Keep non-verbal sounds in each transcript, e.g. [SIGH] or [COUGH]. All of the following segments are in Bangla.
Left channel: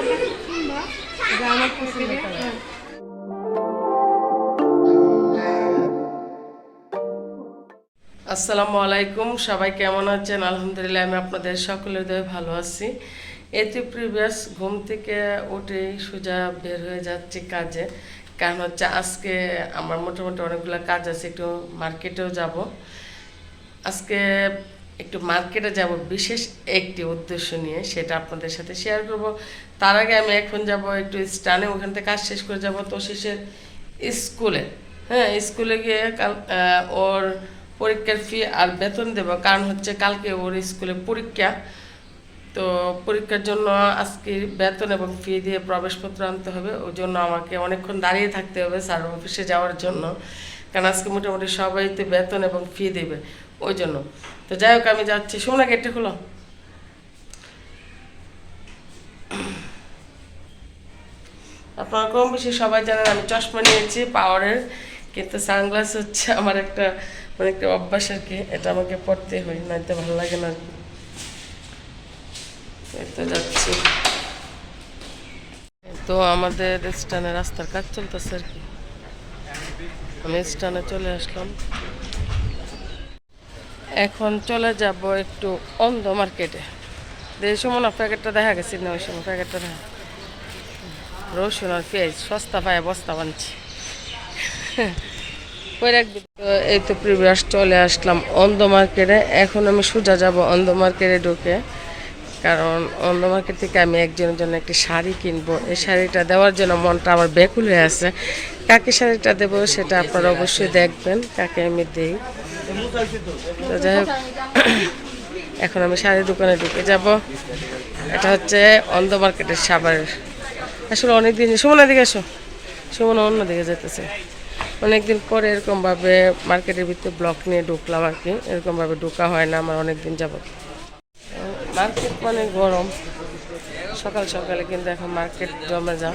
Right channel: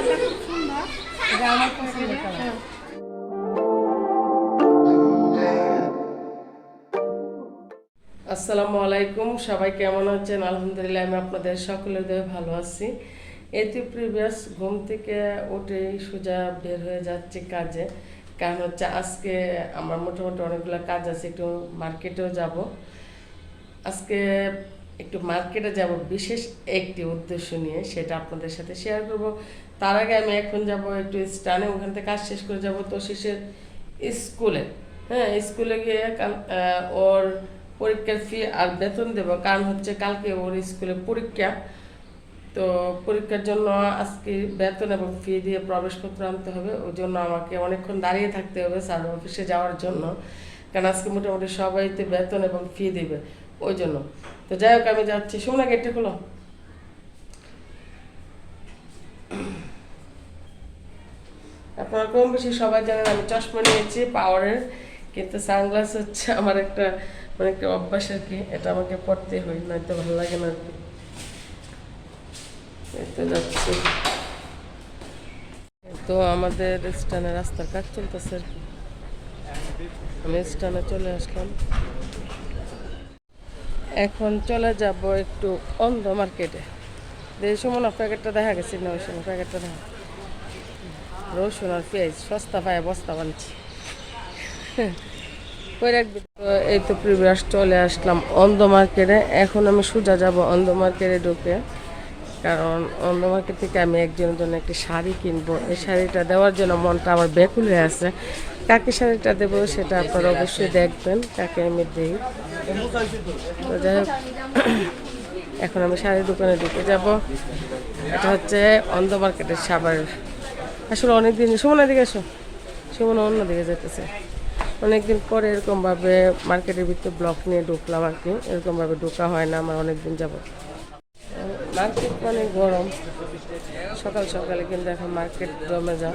কালারটা খুব সুন্দর। এটা আমার পছন্দের কালার। আসসালামু আলাইকুম সবাই কেমন আছেন? আলহামদুলিল্লাহ আমি আপনাদের সকলের দয়ে ভালো আছি। এতে প্রিভিয়াস ঘুম থেকে উঠেই সোজা বের হয়ে যাচ্ছে কাজে। কারণ হচ্ছে আজকে আমার মোটামুটি অনেকগুলো কাজ আছে একটু মার্কেটেও যাব। আজকে একটু মার্কেটে যাব, বিশেষ একটি উদ্দেশ্য নিয়ে সেটা আপনাদের সাথে শেয়ার করব। তার আগে আমি এখন যাব একটু স্টানে, ওখান থেকে কাজ শেষ করে যাব তো শেষের স্কুলে। হ্যাঁ স্কুলে গিয়ে ওর পরীক্ষার ফি আর বেতন দেব, কারণ হচ্ছে কালকে ওর স্কুলে পরীক্ষা। তো পরীক্ষার জন্য আজকে বেতন এবং ফি দিয়ে প্রবেশপত্র আনতে হবে, ওই জন্য আমাকে অনেকক্ষণ দাঁড়িয়ে থাকতে হবে স্যার অফিসে যাওয়ার জন্য। কারণ আজকে মোটামুটি সবাই তো বেতন এবং ফি দেবে। ওই জন্য। তো যাই হোক, আমি যাচ্ছি। শোনা গেটটা খোলো। আপনারা কম বেশি সবাই জানেন, আমি চশমা নিয়েছি, পাওয়ারের, কিন্তু সানগ্লাস হচ্ছে আমার একটা মানে একটা অভ্যাস আর কি। এটা আমাকে পড়তে হয় নয়তো ভালো লাগে না আর কি। তো যাচ্ছি। তো আমাদের স্টানে রাস্তার কাজ চলতেছে আর কি। আমি স্টানে চলে আসলাম। এখন চলে যাব একটু অন্ধ মার্কেটে এই সময় না প্যাকেটটা দেখা গেছে না, ওই সময় প্যাকেটটা দেখা। রসুন আর পেঁয়াজ, সস্তা পায় বস্তা বানছি। কই রাখবি? এই তো প্রিভিয়াস চলে আসলাম অন্ধ মার্কেটে এখন আমি সোজা যাব অন্ধ মার্কেটে ঢুকে। কারণ অন্ধ মার্কেট থেকে আমি একজনের জন্য একটি শাড়ি কিনবো। এই শাড়িটা দেওয়ার জন্য মনটা আমার ব্যাকুল হয়ে আছে। কাকে শাড়িটা দেবো সেটা আপনারা অবশ্যই দেখবেন, কাকে আমি দিই। তো যাই হোক, [COUGHS] এখন আমি শাড়ির দোকানে ঢুকে যাব। এটা হচ্ছে অন্ধ মার্কেটের সাবারের আসলে অনেক দিন সুমনা দিকে এসো। সুমনা অন্য দিকে যেতেছে অনেকদিন পরে এরকমভাবে মার্কেটের ভিতরে ব্লক নিয়ে ঢুকলাম আর কি। এরকমভাবে ঢোকা হয় না, আমার অনেক দিন যাবত মার্কেট মানে গরম। সকাল সকালে কিন্তু এখন মার্কেট জমে যাও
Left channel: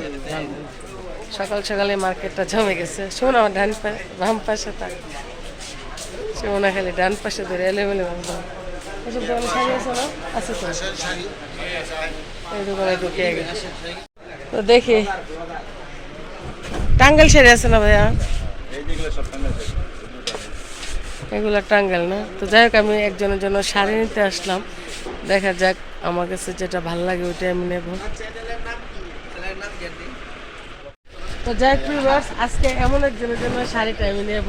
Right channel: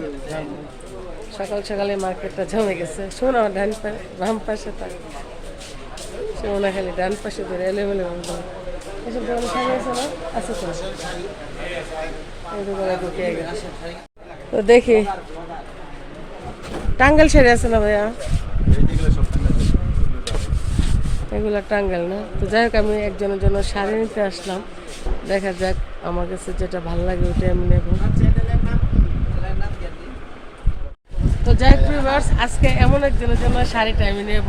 সকাল সকালে মার্কেটটা জমে গেছে। শোন আমার ডান পাশে বাম পাশে থাক। সুমনা খালি ডান পাশে ধরে এলেমেলে একদম এসব দোকানে শাড়ি আছে না আছে তো এই দোকানে ঢুকে তো দেখি টাঙ্গাল শাড়ি আছে না ভাইয়া এগুলো টাঙ্গাল না তো যাই হোক, আমি একজনের জন্য শাড়ি নিতে আসলাম। দেখা যাক আমার কাছে যেটা ভালো লাগে, ওইটাই আমি নেব। তো যাই হোক আজকে এমন একজনের জন্য শাড়িটা আমি নেব।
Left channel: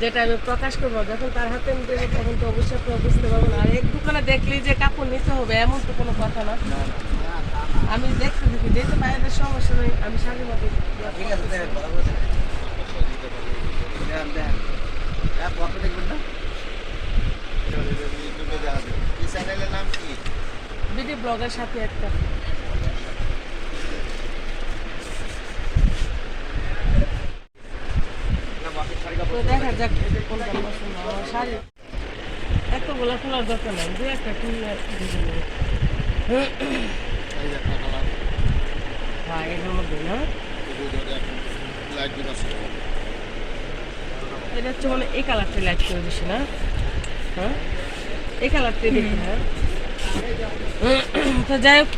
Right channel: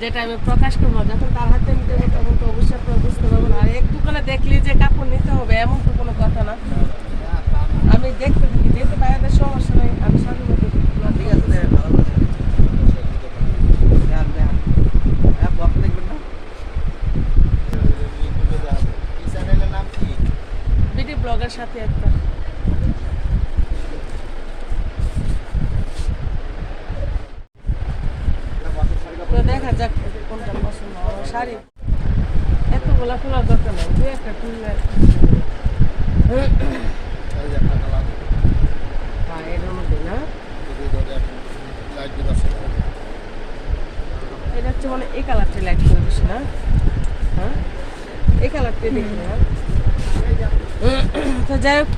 যেটা আমি প্রকাশ করব যখন তার হাতে নিতে হবে তখন তো অবশ্যই আপনারা বুঝতে পারবেন আর এক দোকানে দেখলি যে কাপড় নিতে হবে এমন তো কোনো কথা না। আমি দেখতে দেখি যেহেতু বাইরের সমস্যা নেই আমি শাড়ি বিডি ব্লগের সাথে একটা তো দেখা যাক এদের কোনটা পছন্দ আমার শাড়ি এত গোলা খোলার দরকার নাই দু একটা খুললে হ্যাঁ এর মধ্যে না? এটা হচ্ছে মানে এই কালারটা লাইট করে না? হ্যাঁ? এই কালারটা দেখি না? তো যাই হোক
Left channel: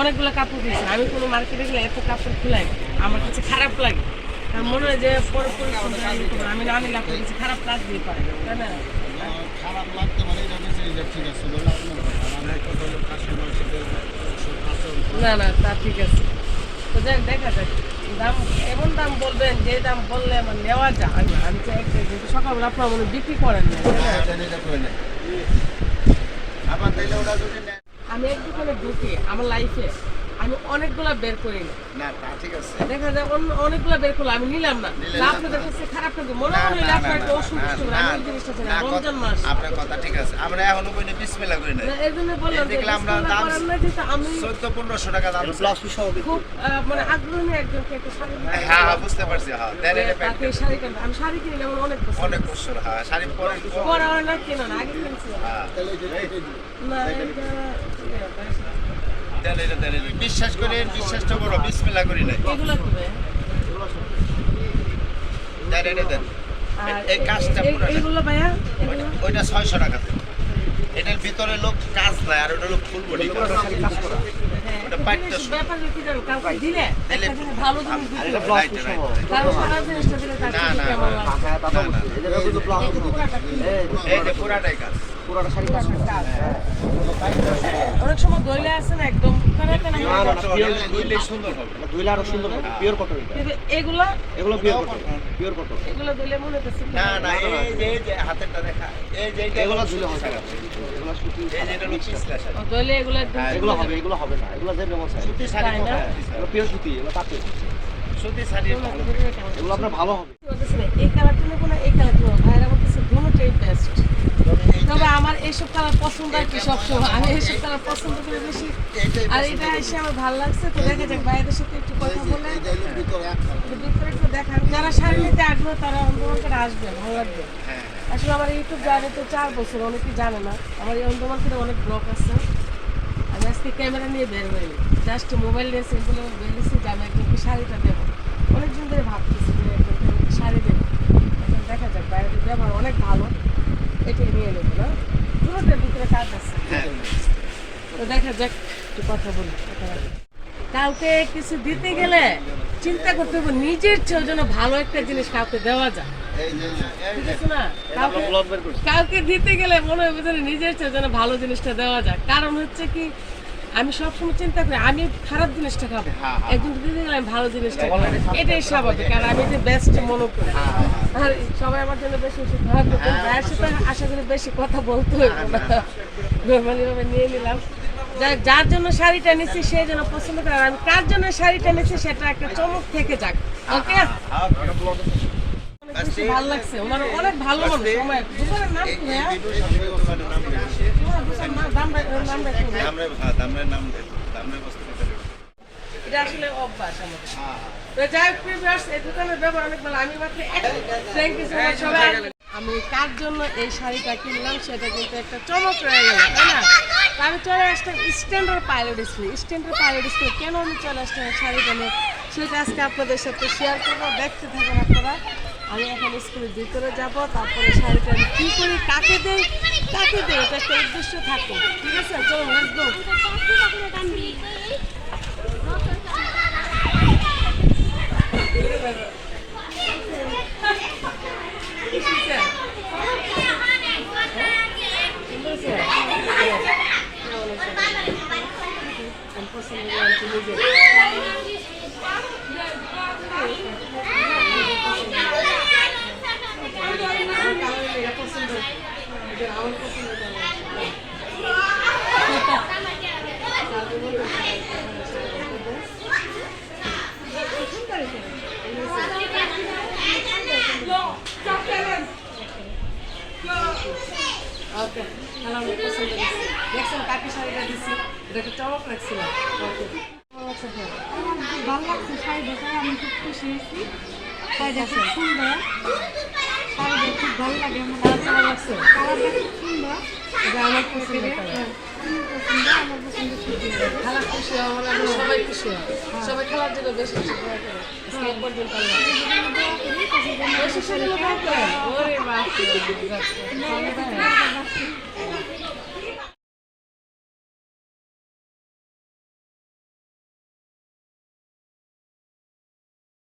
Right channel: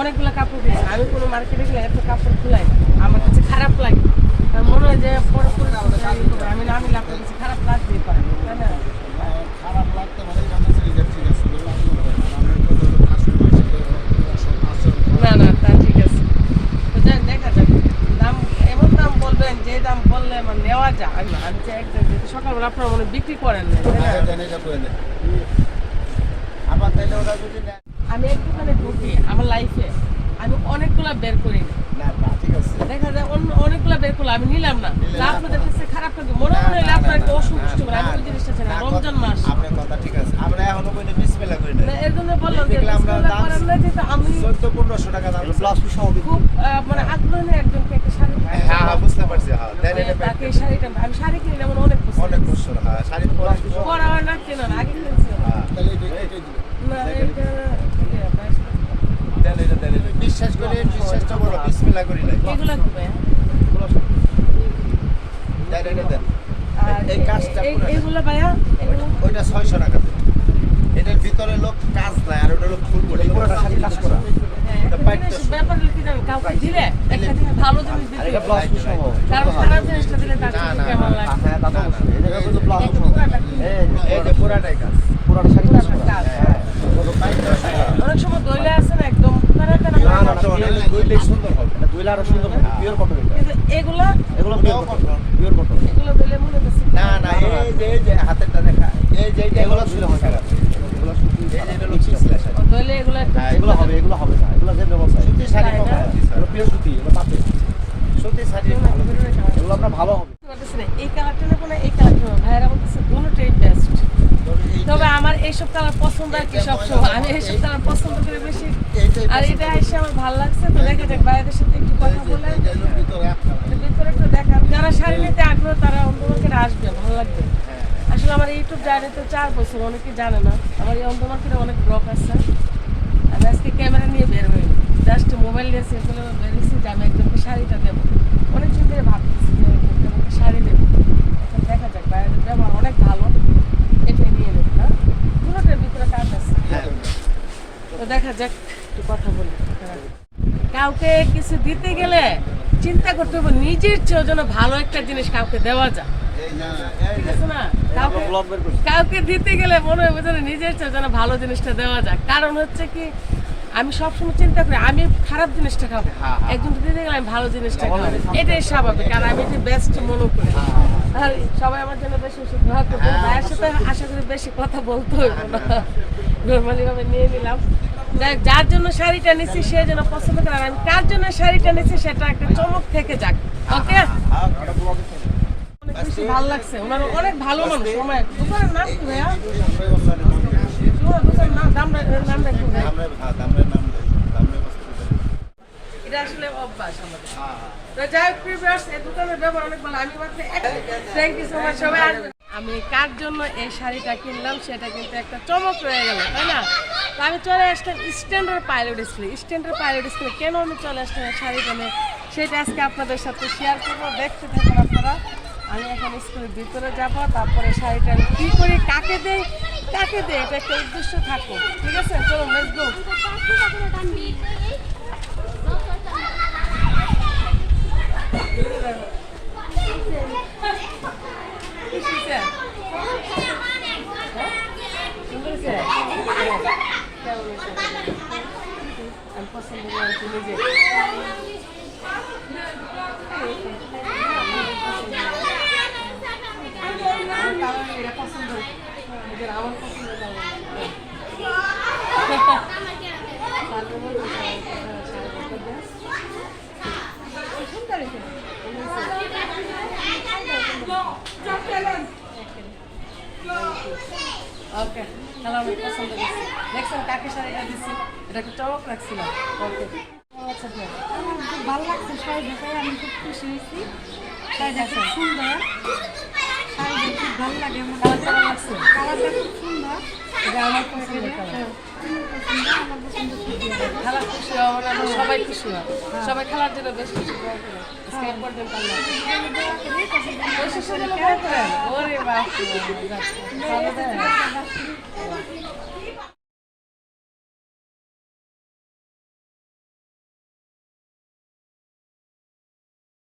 অনেকগুলো কাপড় কিনেছি। আমি কোনো মার্কেটে গেলে এত কাপড় খুলাই। আমার কাছে খারাপ লাগে। মনে হয় যে পরে পরে। আমি না নিলে আপনার কাছে খারাপ লাগতেই পারে তাই না? খারাপ লাগতে পারে এটা ঠিক আছে। না না তা ঠিক আছে। তো দেখা যাক দাম এমন দাম বলবেন যে দাম বললে আমার নেওয়া যায় না। আমি চাই একটা সকালবেলা আপনার মনে বিক্রি করেন না আবার তাইলে ওরা যদি আমি এক দোকানে ঢুকি আমার লাইফে আমি অনেকগুলা বের করি না। না তা ঠিক আছে। দেখা যায় অনেকগুলা বের করল আমি নিলাম না। আপনাদের কাছে খারাপ লাগে। মনে মনে হলে আপনার একটা অসন্তুষ্ট করে আমি এই জিনিসটা চাই রমজান মাস। আপনার কথা ঠিক আছে। আমরা এখনও কোনো বিসমেলা করি না না, এর জন্য বললাম দেখলে আমরা দাম করার না যেটা আমি চোদ্দ পনেরোশো টাকা দাম খুব মানে আগ্রহ নিয়ে একজনকে একটা শাড়ি হ্যাঁ হ্যাঁ বুঝতে পারছি হ্যাঁ দেন এটা তাকে এই শাড়িটা আমি শাড়ি কিনলে আমার অনেক পছন্দ অনেক বছর হ্যাঁ শাড়ি পরে পরা না কেনা আগে কিনছি। হ্যাঁ। এটা দেন এটা। বিশ্বাস করে বিশ্বাসটা বড় বিসমেলা করি না এই কাজটা ওইটা ছয়শো টাকা এটার ভিতরে লোক কাজ দেয় আর ওটা লোক ফুল বডি হ্যাঁ। এই যে পুরাটাই কাজ অনেক সময় দইলে আছে না একদম খারাপ না দুইলে সুন্দর হবে। কিন্তু এগুলো এগুলো কঠোর। এগুলো দইলে মনে হচ্ছে না না এই যে এই হাতেরটা দেখা এই এটা দইলে এগুলো হ্যাঁ, এগুলো হবে এগুলো হবে না। এগুলো যে ব্যবস্থা সুতি শাড়ি না? পিওর সুতি এগুলো পাতে সুতি শাড়ি এগুলো আপনার ভালো হবে। এই কালারটা নেব না এই কালারটা নেব ভাইয়েরা বলতেছে দুটোটাই বেস্ট তবে আমার এইসব কালার পছন্দ আর কি সবসময়। আমি এইসব কালার পছন্দ করি বেশি। আর এটা এসে আমার ভালো লাগছে তো দেখে যাক বাইরের সাথে একটু কথা বলে তো ভিতরে একটু দেখান যারা শাড়ি নিতে আগ্রহ, তারা অন্ধমার্কেটে আসবে, ভালো লাগবে। আসলে আমার ইউটিউব জানে জার্নিতে চার বছর, অনেকে জানে না। আমার এই অন্ধমার্কেটে অনেক ব্লগ আছে। আমি আজকে ক্যামেরা নিয়ে বের হইনি। জাস্ট মোবাইল নিয়ে সেগুলো বেরিয়েছি যে আমি একজনকে শাড়িটা দেবো। অনেকদিন ধরে ভাবতেছি যে একজনকে আমি শাড়ি দেবো এখন দেখা যাক বাইরের ব্যবহার অনেক ভালো এটাই নিয়ে নেব না পুরোটার ভিতরে কাজ আছে দেখা যাক, একটু কথা বলি। কাউকে কিছু দিতে গেলে চিন্তা করতে হবে, নিজের চেয়েও যেন ভালো একটা জিনিস কাউকে দেওয়া যায়। কাউকে দিতে গেলে মনে হবে যেন নিজের চেয়ে যেন ভালো জিনিসটা দেওয়া যায়। কারণ হচ্ছে কি, আমি সবসময় চিন্তা করি, আমি খারাপ জিনিসটা খাব। একজন দিতে গেলে আমি ভালো জিনিসটা খাব। এটাই স্বাভাবিক, কারণ আমি এটি বেস্ট মনে করি, আর সবাই আমার জন্য বেশি করবেন ভাইয়ের সাথে আশা করি বেশি কথা বলতে হইব না। নর্মালি ভাবে নিয়ে নিলাম। যার জন্য শাড়িটা নিচ্ছি সে যেন পছন্দ করে। আর আমি কার জন্য শাড়িটা নিচ্ছি সেটা একটা চমক থেকে যাক। ওকে ভালো লাগছে। ওনার অনেক ভালো মানুষ। সময় দোকানের নাম কি ভাইয়া। নাম হ্যাঁ দামের নাম এটা আসলে অভ্যাস আমাদের। তো যাই হোক প্রিভিয়াস এই দোকানের ব্যবহার অনেক ভালো। আমি মাত্র থ্যাংক ইউ সো মাচ সবাই। আমি কার জন্য এই শাড়িটা কিনলাম সেটা কিন্তু একটা চমক রয়ে গেল, তাই না? তো আমি চলে আসতাম standard pilot school standard pilot school কেন আমি চলে আসতাম এই শাড়িটা নিয়ে? সেটা আজকে আপনাদের সাথে শেয়ার করব। দেখতে থাকুন আপনারা। আমি এখন স্কুলের ভিতরে যাব, তারপরে শাড়িটা আমি কী করি, কাকে দেই? কাকে দেই? এটা একটা উদ্দেশ্য থাকুক, ঠিক আছে? লেটস গো আমি পছন্দ করি আমি নিজে আমার কারণ এটা পছন্দ এটা আমার পছন্দ কারণ ওকে খেলা পছন্দ করছি দেখছেন কাকে শাড়িটা দিচ্ছি এটা একটা চমক রাখছিলাম ওকে আচ্ছা ভালো লাগছে শাড়ি দেখে। আমি খুব খুশি হয়েছি। শাড়িটা খুব সুন্দর। শাড়িটা খুব ভালো লাগে আমার কালারটা লাগছে কালারটা খুব সুন্দর এটা আমার পছন্দ পছন্দ খুশি সবাই খুশি হয় সবাই খেলার জন্য বেশি করেন ওরে।